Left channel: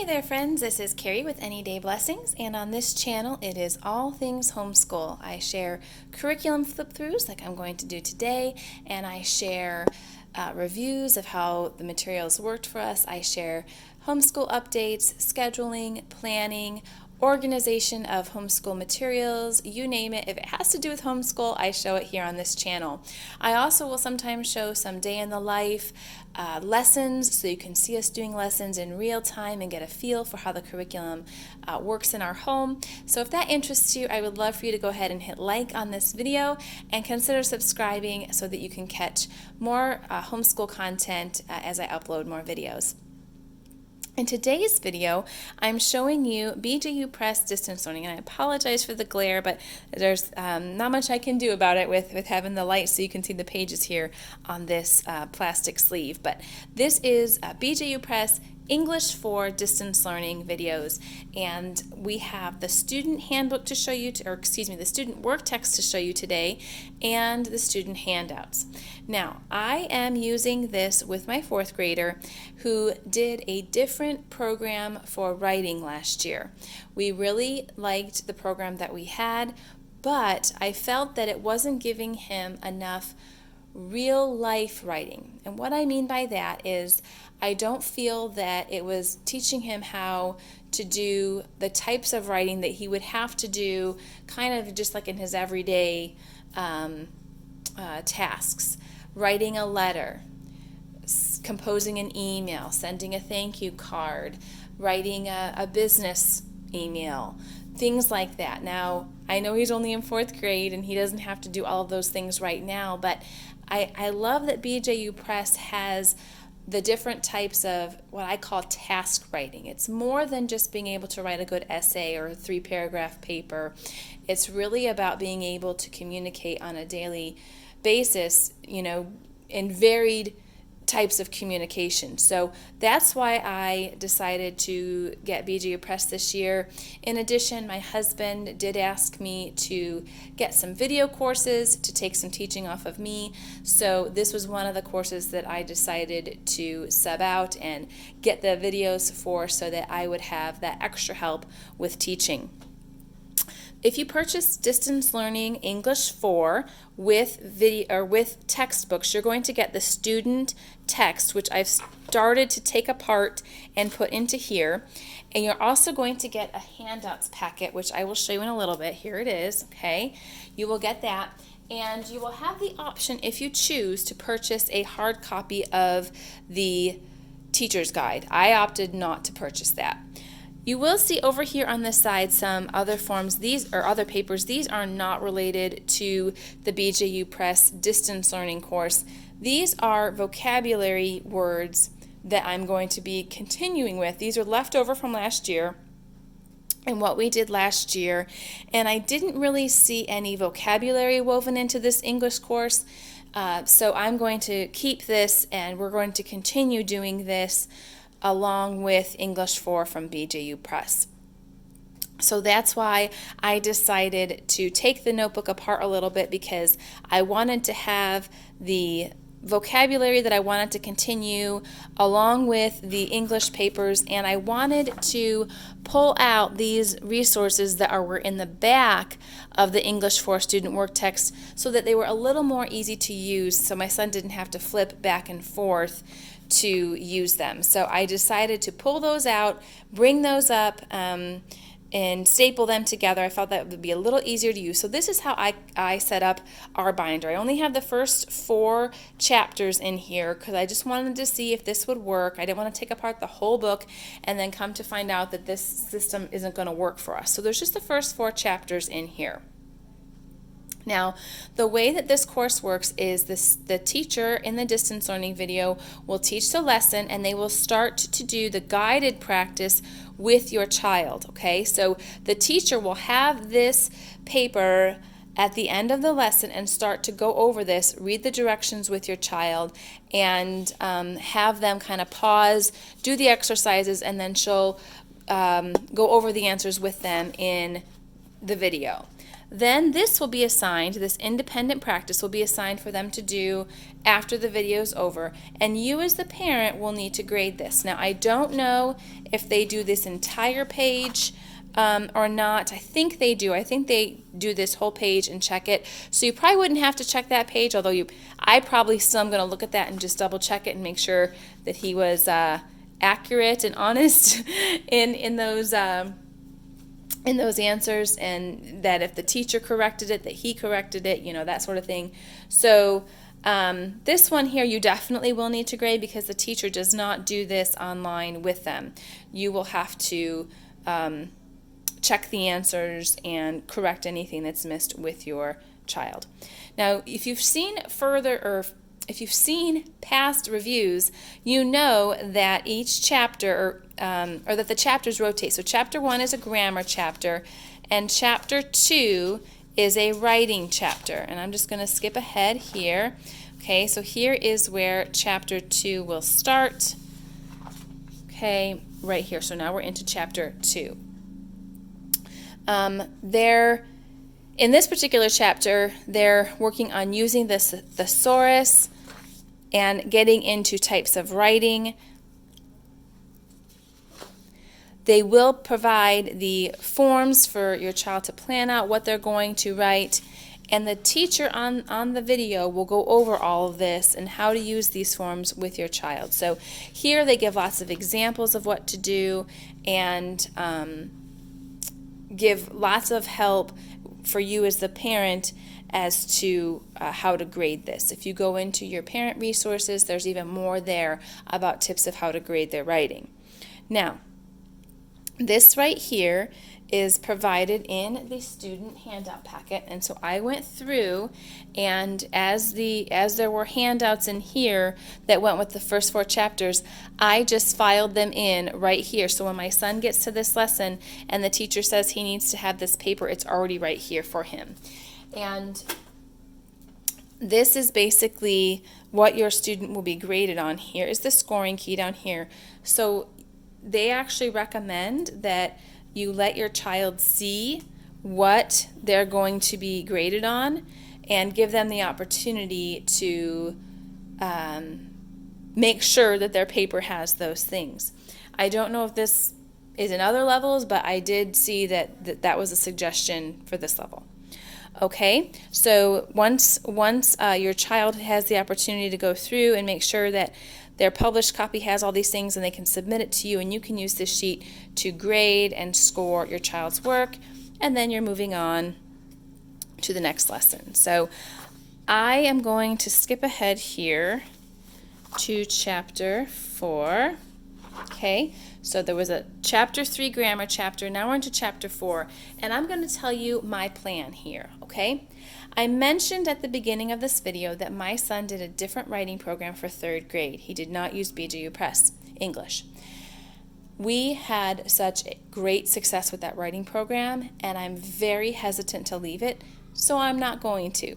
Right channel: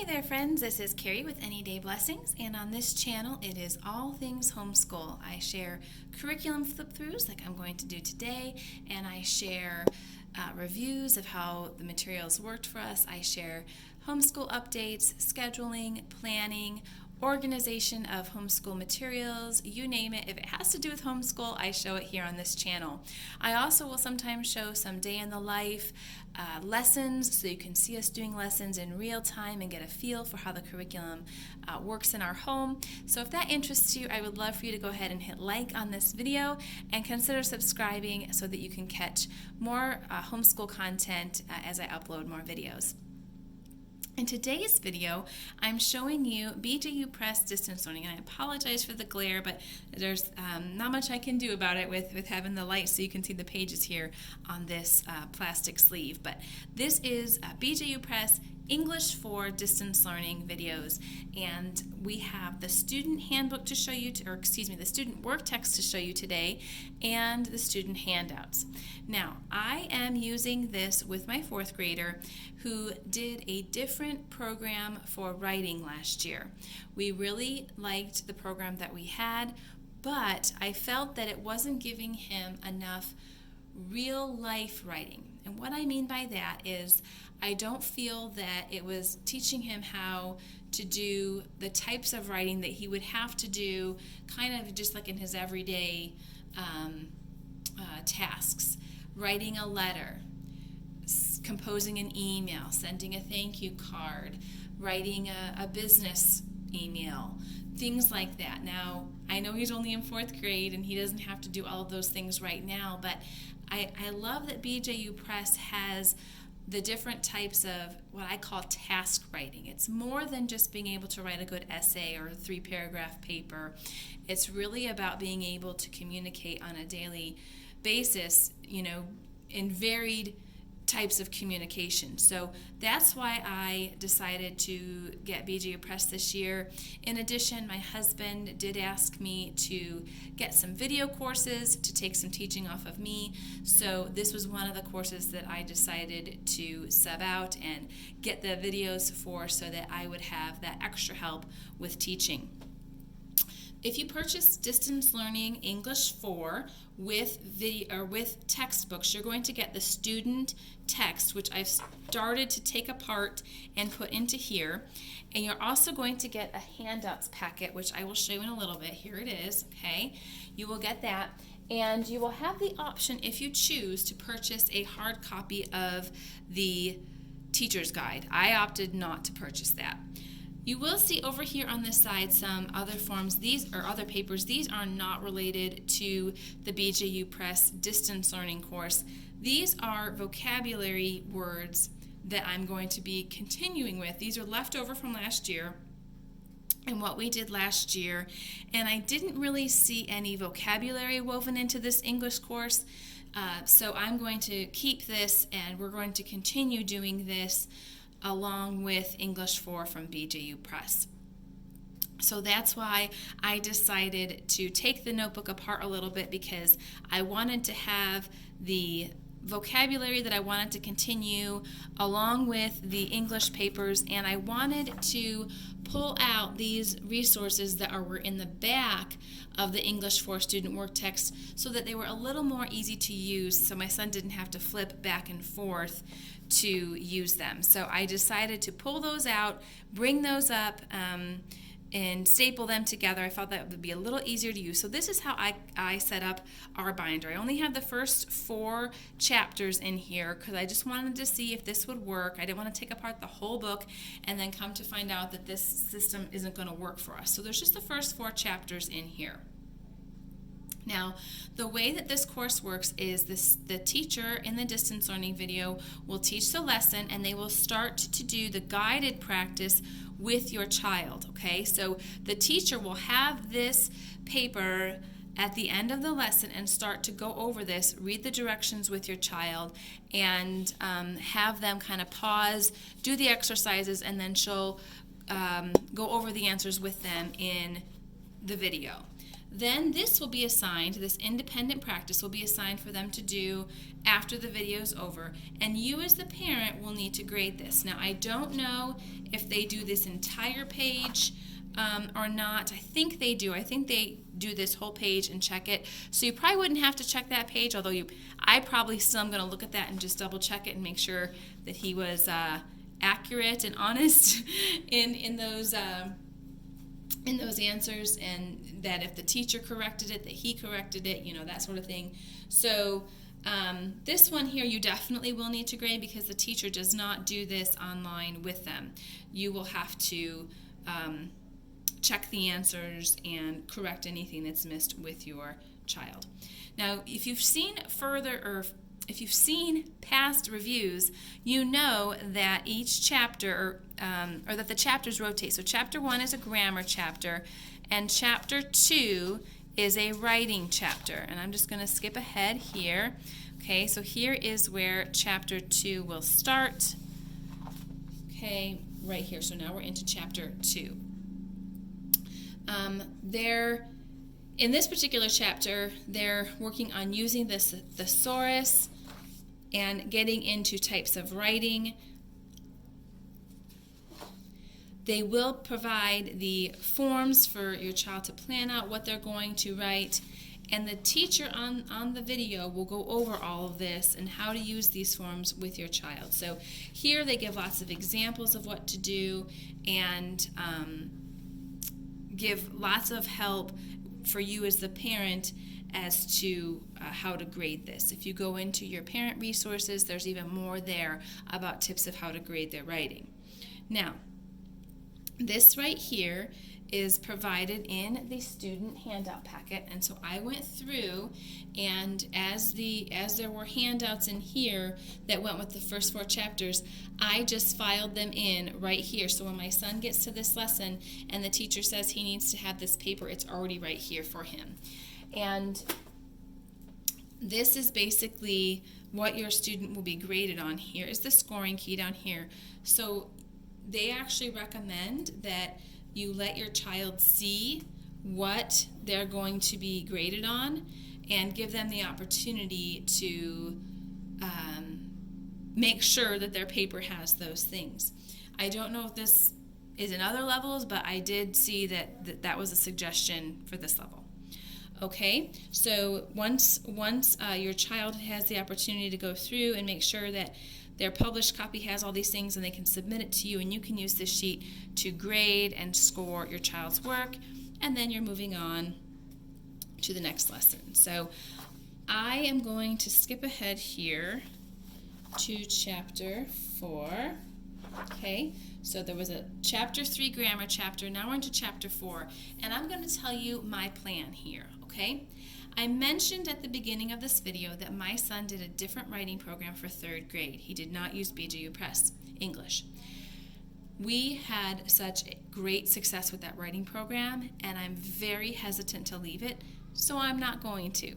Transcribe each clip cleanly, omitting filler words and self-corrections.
Hey there friends, this is Carrie with Any Day Blessings, and on this channel it is all things homeschool. I share curriculum flip-throughs like I'm going to do today, and I share reviews of how the materials worked for us. I share homeschool updates, scheduling, planning, organization of homeschool materials, you name it. If it has to do with homeschool, I show it here on this channel. I also will sometimes show some day in the life lessons, so you can see us doing lessons in real time and get a feel for how the curriculum works in our home. So if that interests you, I would love for you to go ahead and hit like on this video and consider subscribing so that you can catch more homeschool content as I upload more videos. In today's video, I'm showing you BJU Press distance learning, and I apologize for the glare, but there's not much I can do about it with having the light so you can see the pages here on this plastic sleeve. But this is BJU Press English for distance learning videos, and we have the student handbook to show you, the student work text to show you today, and the student handouts. Now, I am using this with my fourth grader who did a different program for writing last year. We really liked the program that we had, but I felt that it wasn't giving him enough real life writing. And what I mean by that is I don't feel that it was teaching him how to do the types of writing that he would have to do kind of just like in his everyday tasks. Writing a letter, composing an email, sending a thank you card, writing a business email, things like that. Now, I know he's only in fourth grade and he doesn't have to do all of those things right now, but I love that BJU Press has the different types of what I call task writing. It's more than just being able to write a good essay or a 3-paragraph paper. It's really about being able to communicate on a daily basis, in varied types of communication. So that's why I decided to get BJU Press this year. In addition, my husband did ask me to get some video courses to take some teaching off of me. So this was one of the courses that I decided to sub out and get the videos for so that I would have that extra help with teaching. If you purchase Distance Learning English 4 with video or with textbooks, you're going to get the student text, which I've started to take apart and put into here. And you're also going to get a Handouts Packet, which I will show you in a little bit. Here it is, okay? You will get that. And you will have the option, if you choose, to purchase a hard copy of the teacher's guide. I opted not to purchase that. You will see over here on the side some other forms, these are other papers. These are not related to the BJU Press distance learning course. These are vocabulary words that I'm going to be continuing with. These are left over from last year and what we did last year, and I didn't really see any vocabulary woven into this English course, so I'm going to keep this and we're going to continue doing this along with English 4 from BJU Press. So that's why I decided to take the notebook apart a little bit, because I wanted to have the vocabulary that I wanted to continue along with the English papers, and I wanted to pull out these resources that were in the back of the English 4 student work text so that they were a little more easy to use, so my son didn't have to flip back and forth to use them. So I decided to pull those out, bring those up, and staple them together. I felt that would be a little easier to use. So this is how I set up our binder. I only have the first 4 chapters in here because I just wanted to see if this would work. I didn't want to take apart the whole book and then come to find out that this system isn't going to work for us. So there's just the first 4 chapters in here. Now, the way that this course works is the teacher in the distance learning video will teach the lesson, and they will start to do the guided practice with your child, okay? So the teacher will have this paper at the end of the lesson and start to go over this, read the directions with your child, and have them kind of pause, do the exercises, and then she'll go over the answers with them in the video. Then this will be assigned, this independent practice will be assigned for them to do after the video is over, and you as the parent will need to grade this. Now, I don't know if they do this entire page or not. I think they do. I think they do this whole page and check it. So you probably wouldn't have to check that page, although I probably still am going to look at that and just double check it and make sure that he was accurate and honest in those answers, and that if the teacher corrected it, that he corrected it, that sort of thing. So this one here you definitely will need to grade because the teacher does not do this online with them. You will have to check the answers and correct anything that's missed with your child. Now, if you've seen if you've seen past reviews, you know that each chapter, or that the chapters rotate. So chapter 1 is a grammar chapter, and chapter 2 is a writing chapter. And I'm just going to skip ahead here. Okay, so here is where chapter 2 will start. Okay, right here. So now we're into chapter 2. In this particular chapter, they're working on using the thesaurus and getting into types of writing. They will provide the forms for your child to plan out what they're going to write, and the teacher on the video will go over all of this and how to use these forms with your child. So here they give lots of examples of what to do and give lots of help for you as the parent as to how to grade this. If you go into your parent resources, there's even more there about tips of how to grade their writing. Now, this right here is provided in the student handout packet, and so I went through, and as there were handouts in here that went with the first 4 chapters, I just filed them in right here. So when my son gets to this lesson and the teacher says he needs to have this paper, it's already right here for him. And this is basically what your student will be graded on. Here is the scoring key down here. So they actually recommend that you let your child see what they're going to be graded on and give them the opportunity to make sure that their paper has those things. I don't know if this is in other levels, but I did see that was a suggestion for this level. Okay, so once your child has the opportunity to go through and make sure that their published copy has all these things, and they can submit it to you, and you can use this sheet to grade and score your child's work, and then you're moving on to the next lesson. So I am going to skip ahead here to chapter 4. Okay, so there was a chapter 3 grammar chapter. Now we're into chapter 4, and I'm going to tell you my plan here. Okay, I mentioned at the beginning of this video that my son did a different writing program for 3rd grade. He did not use BJU Press English. We had such great success with that writing program, and I'm very hesitant to leave it, so I'm not going to.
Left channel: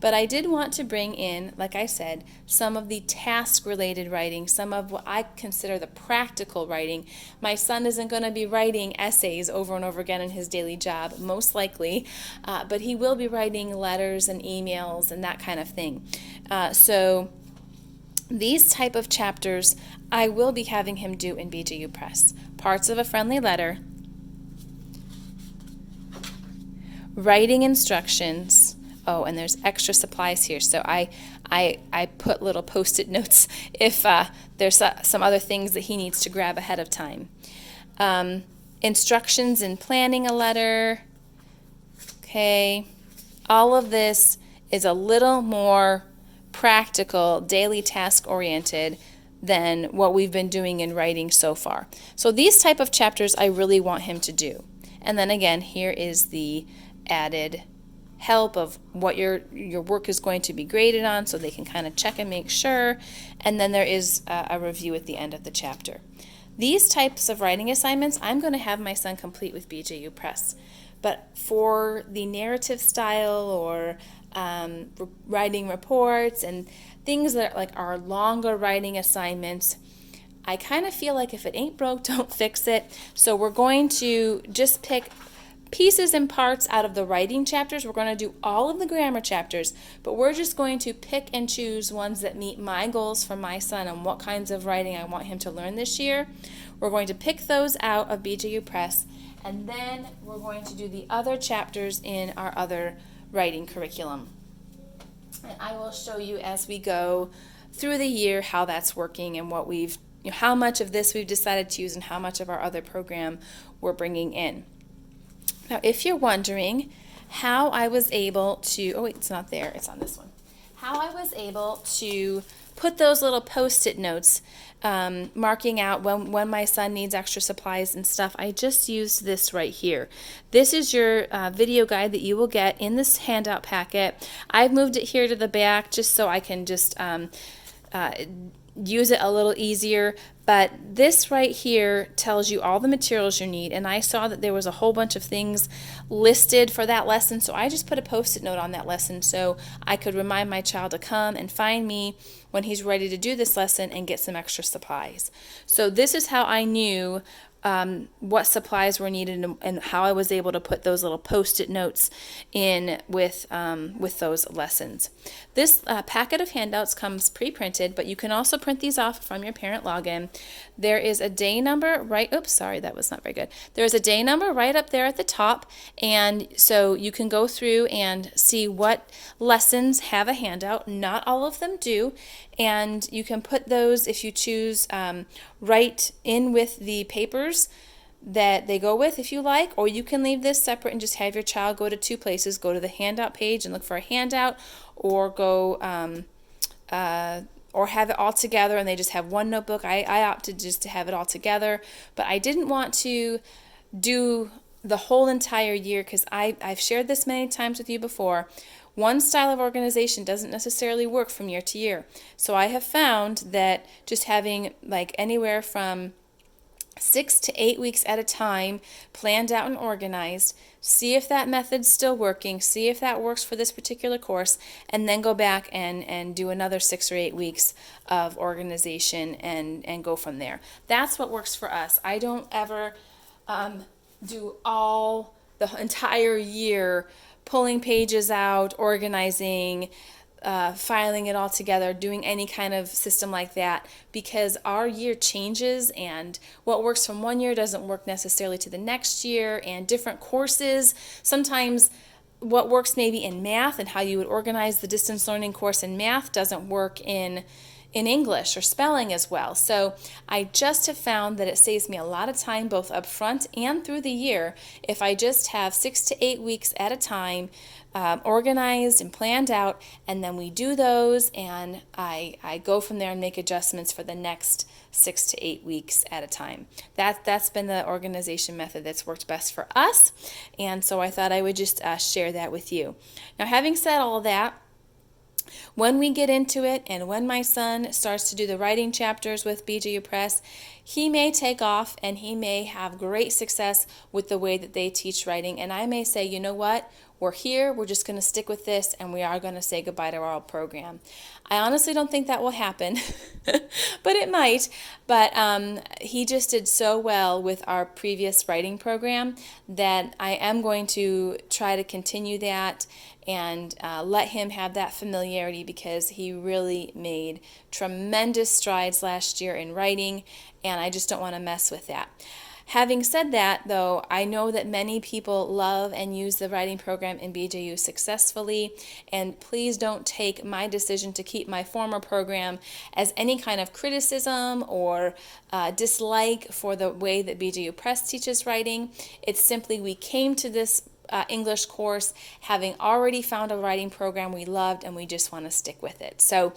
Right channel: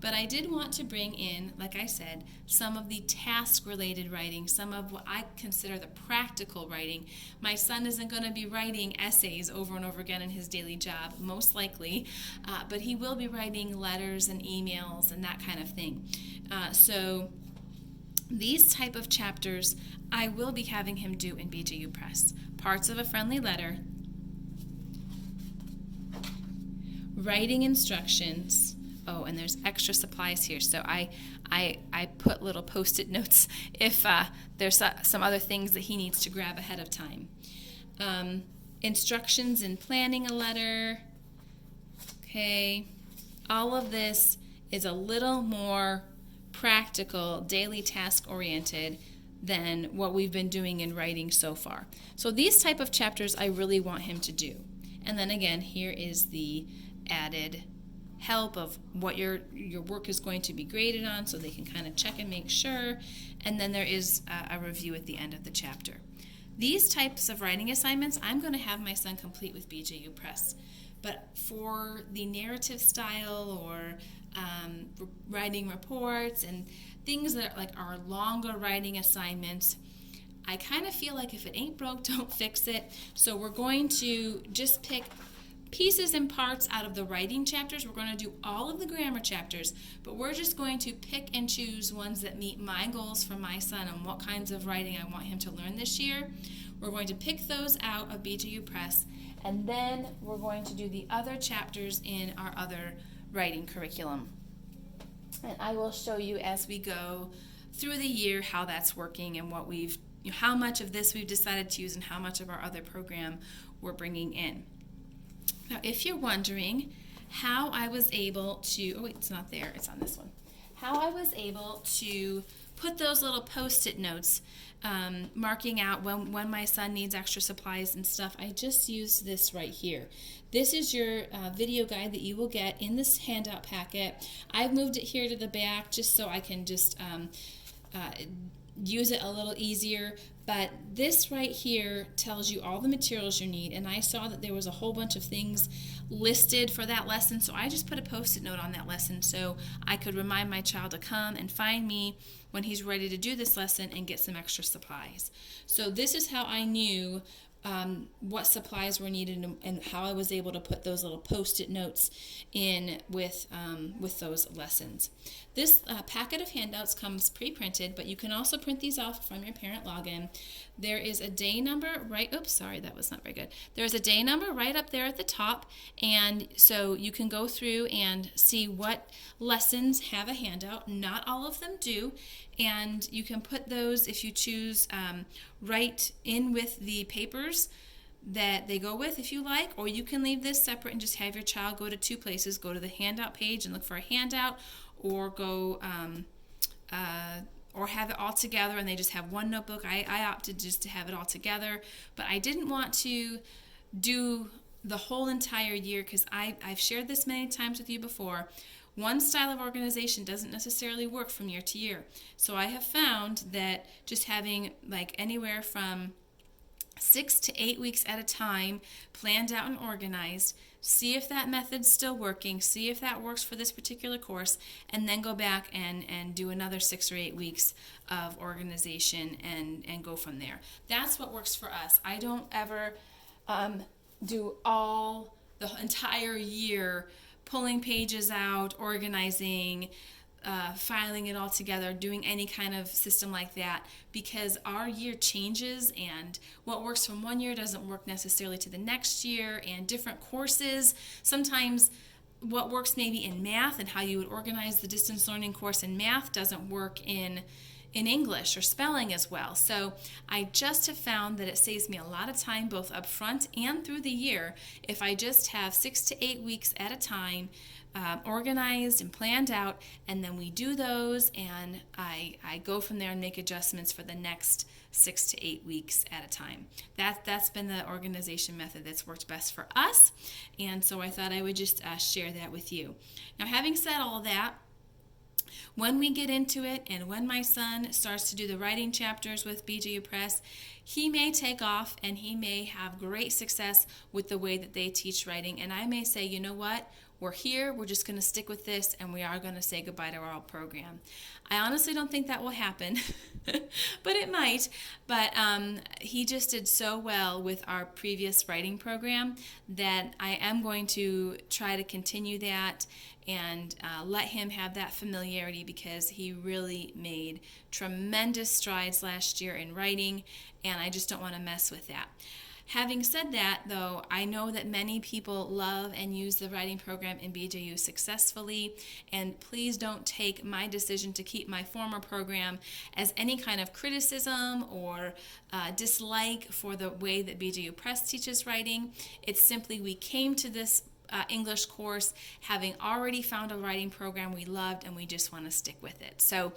But I did want to bring in, like I said, some of the task-related writing, some of what I consider the practical writing. My son isn't going to be writing essays over and over again in his daily job, most likely, but he will be writing letters and emails and that kind of thing. So these type of chapters I will be having him do in BJU Press. Parts of a friendly letter, writing instructions. Oh, and there's extra supplies here, so I put little Post-it notes if there's some other things that he needs to grab ahead of time. Instructions in planning a letter. Okay, all of this is a little more practical, daily task-oriented than what we've been doing in writing so far. So these type of chapters I really want him to do. And then again, here is the added help of what your work is going to be graded on, so they can kind of check and make sure, and then there is a review at the end of the chapter. These types of writing assignments I'm going to have my son complete with BJU Press, but for the narrative style or writing reports and things that are longer writing assignments, I kind of feel like if it ain't broke, don't fix it. So we're going to just pick pieces and parts out of the writing chapters. We're going to do all of the grammar chapters, but we're just going to pick and choose ones that meet my goals for my son and what kinds of writing I want him to learn this year. We're going to pick those out of BJU Press, and then we're going to do the other chapters in our other writing curriculum. And I will show you as we go through the year how that's working and what how much of this we've decided to use and how much of our other program we're bringing in. Now, if you're wondering how I was able to, oh wait, it's not there, it's on this one. How I was able to put those little Post-it notes marking out when my son needs extra supplies and stuff, I just used this right here. This is your video guide that you will get in this handout packet. I've moved it here to the back just so I can just use it a little easier, but this right here tells you all the materials you need, and I saw that there was a whole bunch of things listed for that lesson, so I just put a Post-it note on that lesson so I could remind my child to come and find me when he's ready to do this lesson and get some extra supplies. So this is how I knew what supplies were needed and how I was able to put those little Post-it notes in with those lessons. This packet of handouts comes pre-printed, but you can also print these off from your parent login. There is a day number oops, sorry, that was not very good. There's a day number right up there at the top, and so you can go through and see what lessons have a handout. Not all of them do, and you can put those, if you choose, right in with the papers that they go with if you like, or you can leave this separate and just have your child go to two places, go to the handout page and look for a handout, or go or have it all together and they just have one notebook. I opted just to have it all together, but I didn't want to do the whole entire year because I've shared this many times with you before. One style of organization doesn't necessarily work from year to year. So I have found that just having like anywhere from 6 to 8 weeks at a time planned out and organized, see if that method's still working, see if that works for this particular course, and then go back and do another 6 or 8 weeks of organization and go from there. That's what works for us. I don't ever do all the entire year pulling pages out, organizing, filing it all together, doing any kind of system like that, because our year changes and what works from one year doesn't work necessarily to the next year, and different courses, sometimes what works maybe in math and how you would organize the distance learning course in math doesn't work in English or spelling as well. So I just have found that it saves me a lot of time both up front and through the year if I just have 6 to 8 weeks at a time organized and planned out, and then we do those and I go from there and make adjustments for the next 6 to 8 weeks at a time. That's been the organization method that's worked best for us, and so I thought I would just share that with you. Now, having said all that, when we get into it and when my son starts to do the writing chapters with BJU Press, he may take off and he may have great success with the way that they teach writing, and I may say, you know what, we're here, we're just going to stick with this, and we are going to say goodbye to our old program. I honestly don't think that will happen, but it might. But he just did so well with our previous writing program that I am going to try to continue that and let him have that familiarity, because he really made tremendous strides last year in writing, and I just don't want to mess with that. Having said that, though, I know that many people love and use the writing program in BJU successfully, and please don't take my decision to keep my former program as any kind of criticism or dislike for the way that BJU Press teaches writing. It's simply we came to this English course having already found a writing program we loved, and we just want to stick with it. So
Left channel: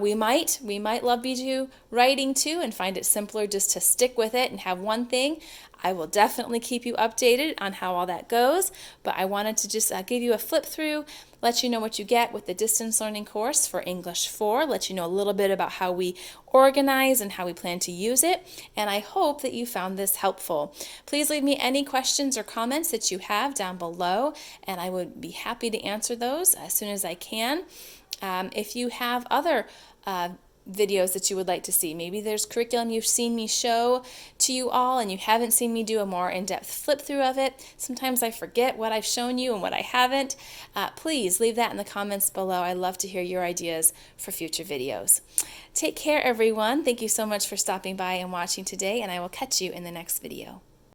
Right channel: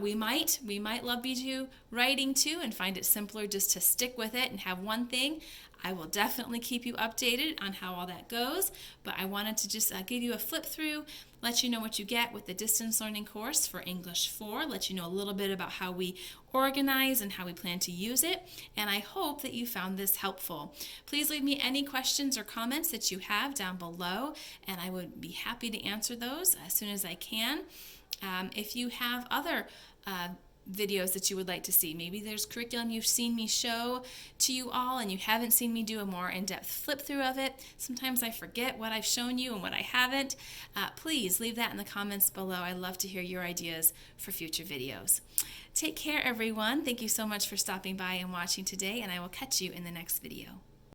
we might love BJU writing too and find it simpler just to stick with it and have one thing. I will definitely keep you updated on how all that goes, but I wanted to just give you a flip through, let you know what you get with the distance learning course for English 4, let you know a little bit about how we organize and how we plan to use it, and I hope that you found this helpful. Please leave me any questions or comments that you have down below, and I would be happy to answer those as soon as I can. If you have other videos that you would like to see. Maybe there's curriculum you've seen me show to you all and you haven't seen me do a more in-depth flip through of it. Sometimes I forget what I've shown you and what I haven't. Please leave that in the comments below. I love to hear your ideas for future videos. Take care, everyone. Thank you so much for stopping by and watching today, and I will catch you in the next video.